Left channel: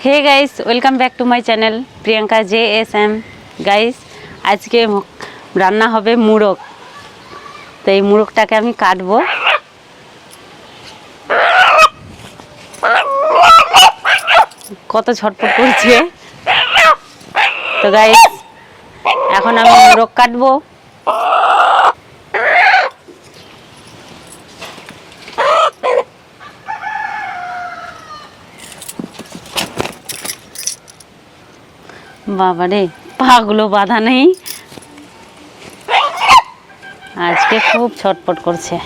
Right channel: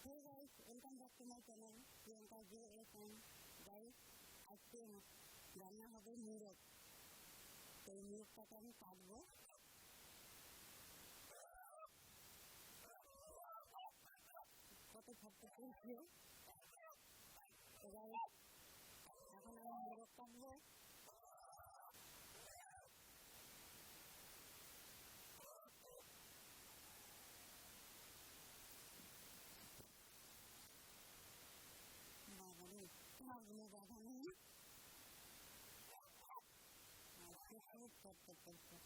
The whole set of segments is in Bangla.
Hey guys, welcome back to my channel Priyanka JSM। Guys, आज के रान्ना होबे मुड़क। तो ये मुड़कटाके आमी काटबो। कत झटपट करछे। तो गाइस, এখন আমি মুড়ক কাটবো। बाबा रे, পাগুলো বাঁধা নেই, আজকে খুব ছটপট করছে।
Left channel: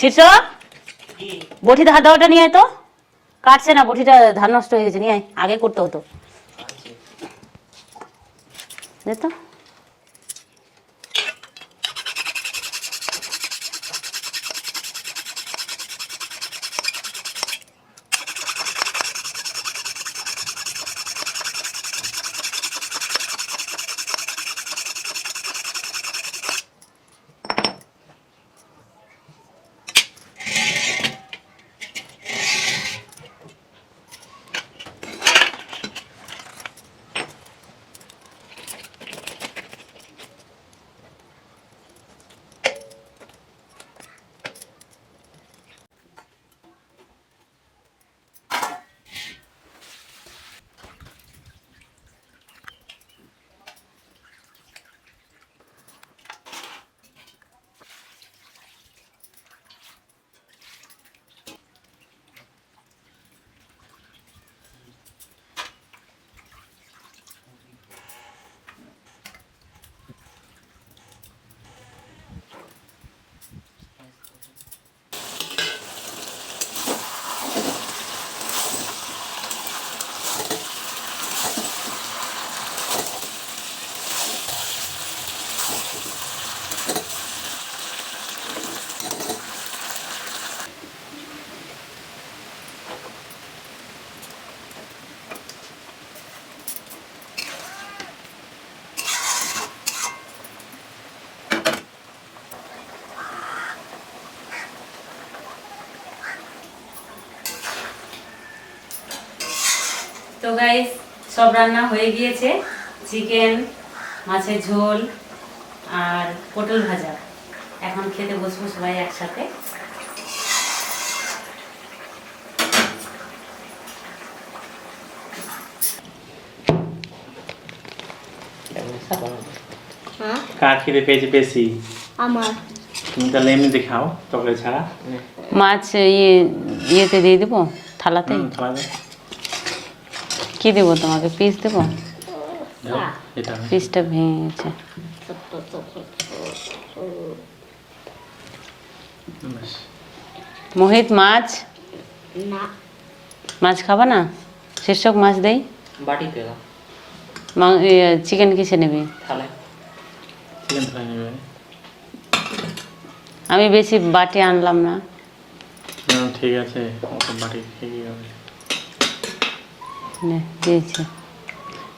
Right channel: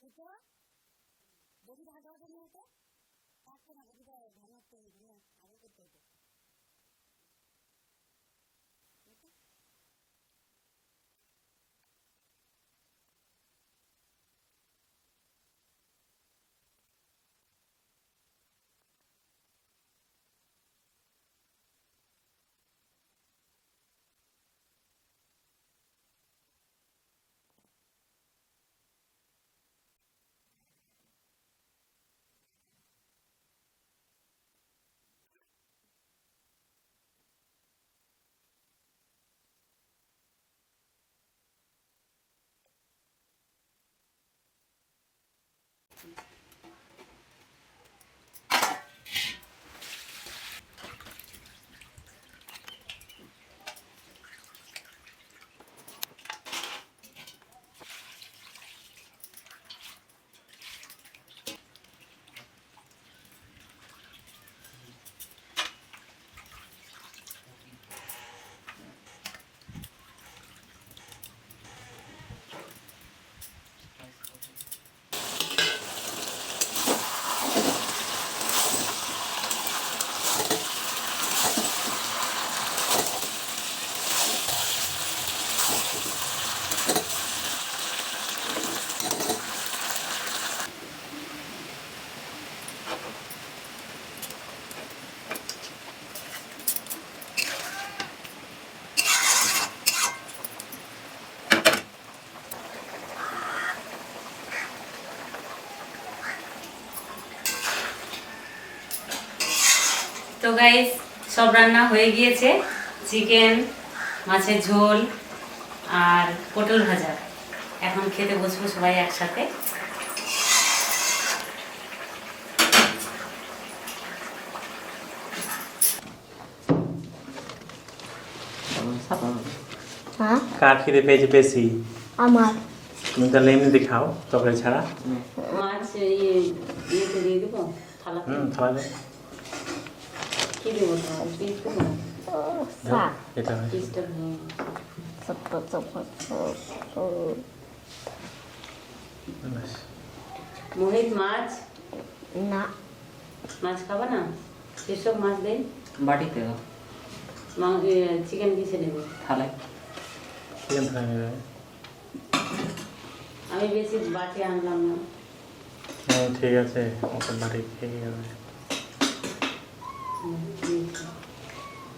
शीर्ष বটি ধার দেওয়াটা নিয়ে আয় তো। কাটছে না, বটিটা ধার নষ্ট হয়ে গেছে, নিয়ে আয়, আগে করতে হতো। দে তো। গাইস সব রান্না হয়ে গিয়েছে, চিকেন, মাছের ঝোল আর পটল ভাজা। এখন খেতে বসবো সবাই একসাথে। কার খেতে পেয়েছে বেশি? আমার। তুমি তাহলে এমনিতে খাও তরকারি ছাড়া। মাছ ইয়েতে দিয়ে দেবো, থালাতে। থালাতে কি দেবো তোমাকে? পিস দেবো? এটা পিসটা ভেঙে গেছে। মোহিত মাছ না, মাছ খাবা না? শীর্ষক মাছ দেই। বাটিতে চিকেন কিসে নেবে? থালায়। চিকেন ফ্রাই নেবে? আমি বেশি বাটি আনলাম না। ঠিক আছে, অত বাটি ঠিকই হবে। নে, দিয়েছি।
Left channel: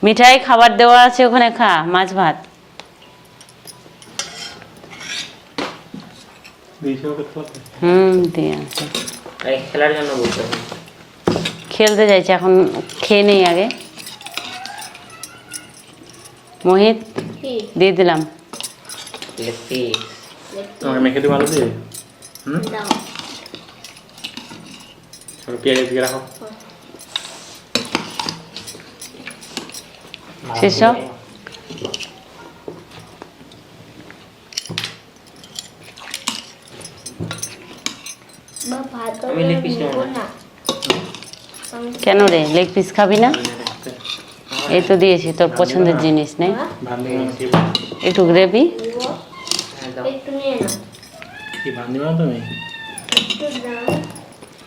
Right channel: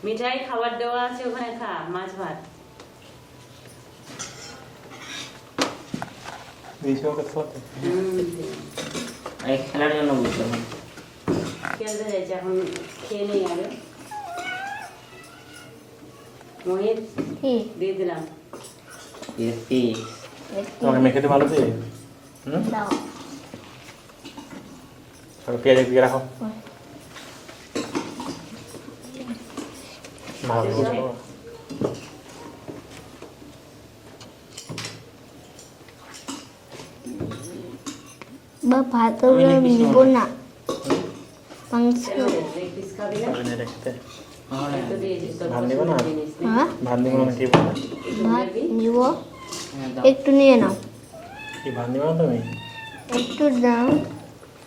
মিঠাই খাবার দেওয়া আছে ওখানে, খা মাছ ভাত। দিয়েছে ওকে খাওয়াতে? দিয়ে আছে। এই খেলার জন্য বলতে হবে। খেলতে যাইছে, এখন খেয়ে নেই আগে। মোহিত কি? দিয়ে দিলাম। লেপি তোমাকে মেখে দিতে ভালো দিয়ে? দাও। আর পেঁয়াজ দিয়ে রাখো। সেসব বা ভাত আমি লেগ পিস নিব না। কেন রে, লেগ পিস খাবি না? এই তো দিয়েছি, তোর পছন্দের জিনিস নেই। একটু গ্রেভি নিব, একটু নিয়ে নাও। কি ভান্দি বানাও তুমি? একটু দাও।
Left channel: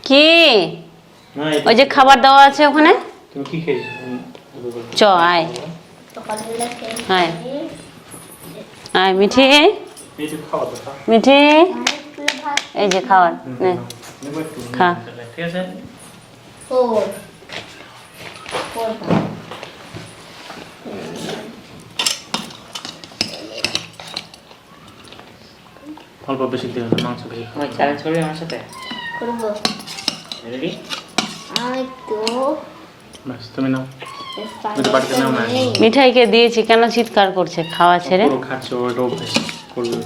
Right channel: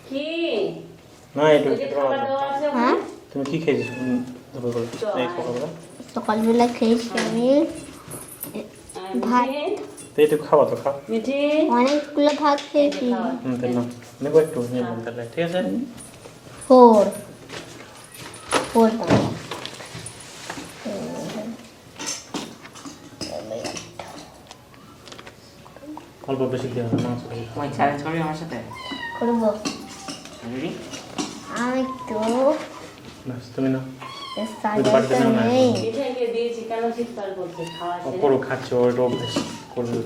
কি না, ওই যে খাবার দেওয়া আছে ওখানে, তুমি কি খেয়েছো? চ আয় সকালবেলা খেয়েছি হ্যাঁ। আমি। আয় মিঠি, এই তো খাওয়া তো খাও। মিঠি অনেকগুলো ভাত এই যে খেয়েছি। খাবার নে। নেবো একটু খা। তাহলে, ঠিক আছে? ফোর ফোর পাঁচ। অল্প বেশি দেওয়া হবে, মাংস বেশি খাও। তুমি চ্যালেঞ্জ করবি আমার সাথে? করবো রেডি? আমি তো ব্যাস তুমি না সাথে বাড়িতে নাও না। নেই। মিঠাইকে দিয়েছি, কেন চিৎকার করছে খাওয়া ছেড়ে? পুরো খাচ্ছ, ওইটা অভ্যেস করবে।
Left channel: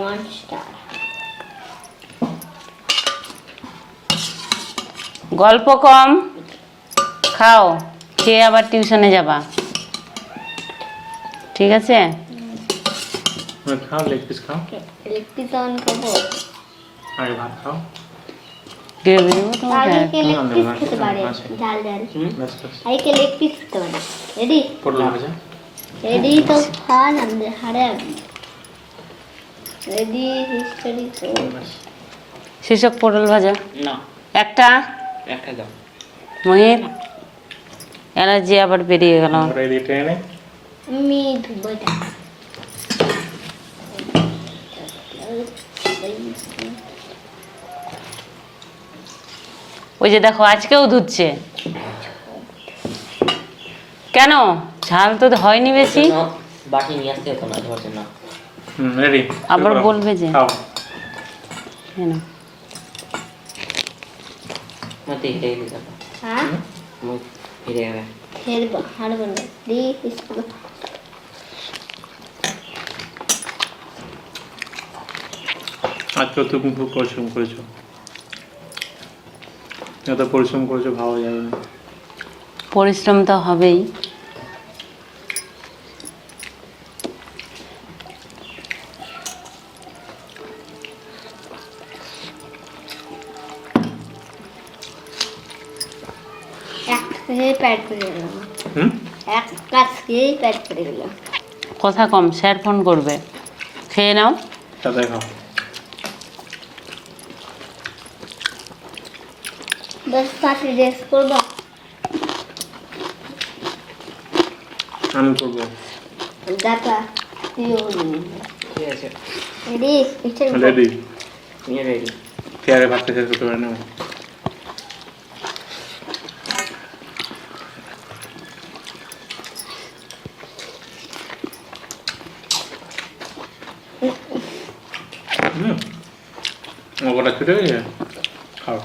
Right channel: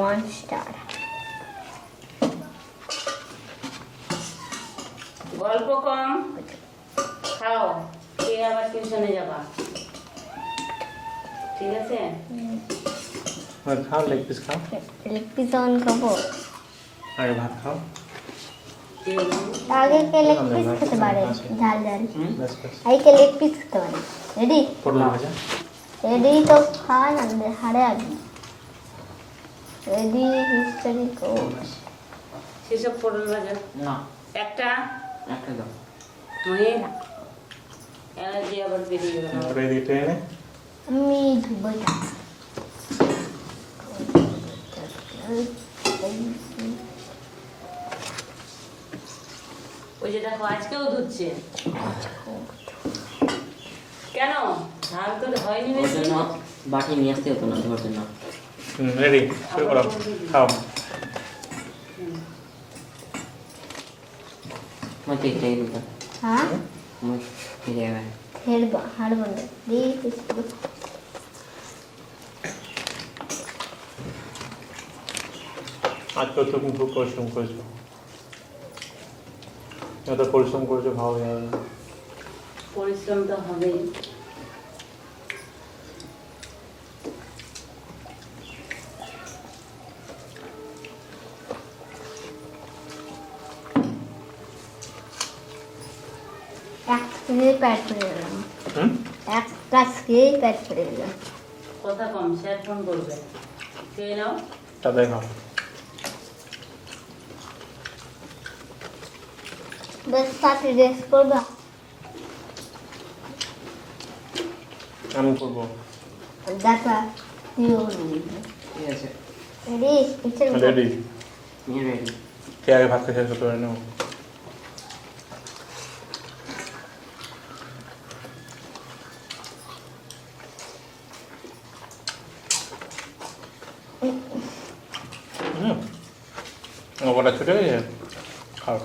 মনস্টার। গল্প কম, খাও, খেয়ে আবার টিউশনে যাবা, ঠিক আছে? খাও, লেগ পিস খাও। লেগ পিস অন খাবো। আগে ভাত খাও। গ্রেভি দেবো তোমাকে? আগে কে লেগ পিস না, খেতে পারে? আছে। ঝাল ঝাল। ব্যাস ব্যাস। আগে কে লেগ পিস খেতে পারে? রেডি? পটল ভাজা। রেডি তো খান আমাদের হারে আপনি। রেডি হিস্টোরি তো। ব্যাস। শীর্ষক পটল ভাজা না, একটা। একটা দাও। মোহিত অ্যালার্জি আবার বেরিয়ে গেল। ওটা এদিকে টেনে নে। আমি ধুবো এটা। ওই যে দেখো আজকেও ধুচ্ছে কেন? ঝাল তো হয়নি বেশি। না, বাটি নিয়ে আসতে হতো না, ধরছে না। রেডি। আবার বলবে যে খাও। কেন? মতে খেয়ে দিতে হবে। হ্যাঁ মুখ ফিরে যাবে। হেরবা হারবো না। Ready history. আজকে তুমি খুব পরিশ্রম করেছো। এত পরিশ্রম করেছো ভাবা যাবে না। পরিশ্রম তো হবেই। এক খেয়ে প্যাট করে গেলাম। এক কাজ খেয়ে প্যাট করে গেলাম। কথা কম, স্যার ফোন করবে। খেয়ে নাও। তাতে খাও। বাস সাথে রেস করবো। আমি করবো। দেখা ঠিক আছে, রেডি হিস্টোরি। রেডি। তুমি রেডি? পেয়ারে ভাত খেতে করে নেও। ওটা ছুটে গেছে, খাও।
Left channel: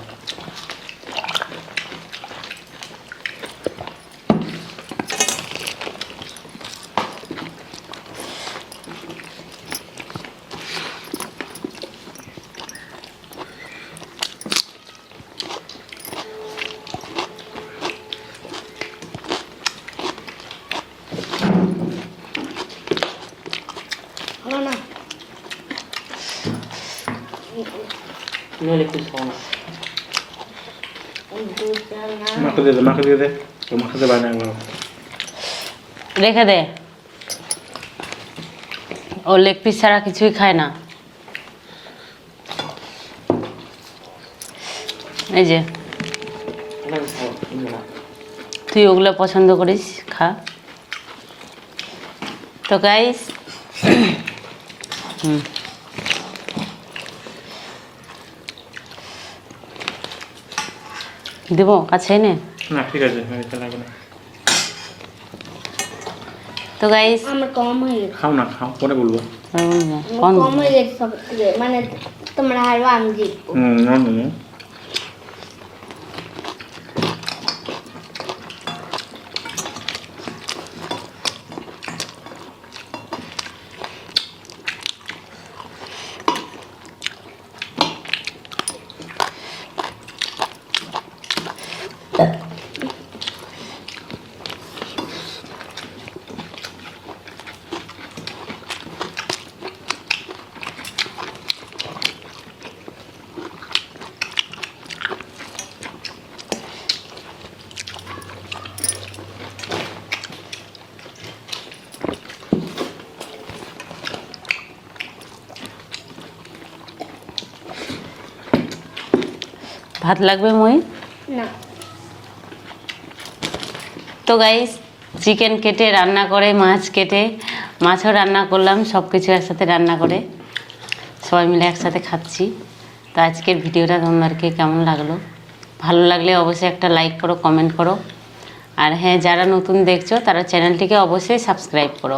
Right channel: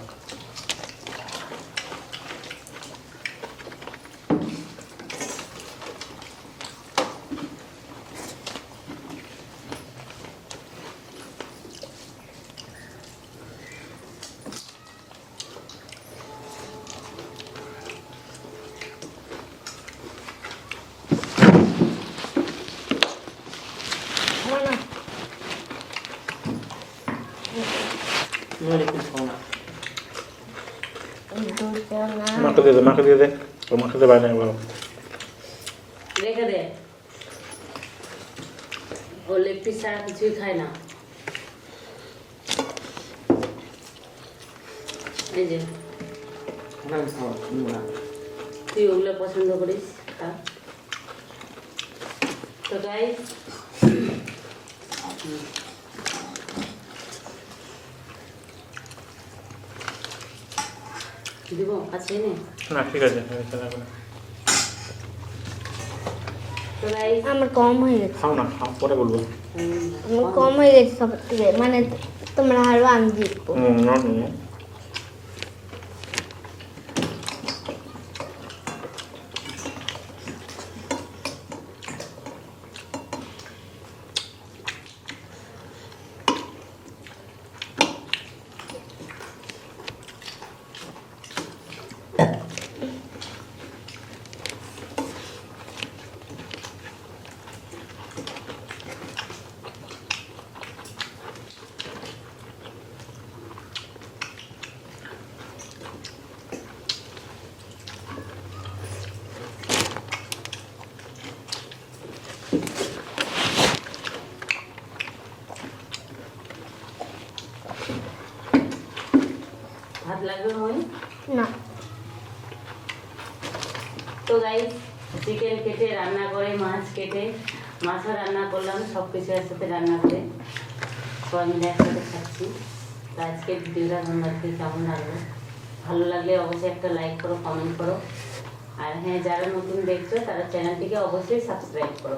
নইলে একটু খাও না। দুটো না মাকে দিয়ে দে, মাকে দিয়ে দে। ও মাকে দিয়ে বানায় বাবা। রেখে দে, ও লেগ পিস ছাড়া কিছুই খায় না। এই যে এগুলো খাও, না। তুই ওগুলো পছন্দ করিস, খা। তো গাইস দেবো কাছে এনে? না ঠিক আছে, এটা লাগবে না। তো গাইস আমার কম হয়ে গেছে খাও না, খাও, পরে বলবো। আমার কম হয়ে গেছে সব থেকে মানে তোমরা হারবা আমি জিতবো না না না। ভাত লাগবে মই? না তো গাইস চিকেন কেটে রান্না করে, মাছ কেটে, মাছও রান্না করলাম, সব কিছু একসাথে রান্না করে সবাই মিলে একসাথে খাচ্ছি। তো আজকের ভিডিওটা তোমাদেরকে কেমন লাগলো? ভালো লাগলে অবশ্যই একটা লাইক করো, কমেন্ট করো। আর হ্যাঁ, যারা নতুন দেখছো তারা চ্যানেলটিকে অবশ্যই সাবস্ক্রাইব করো।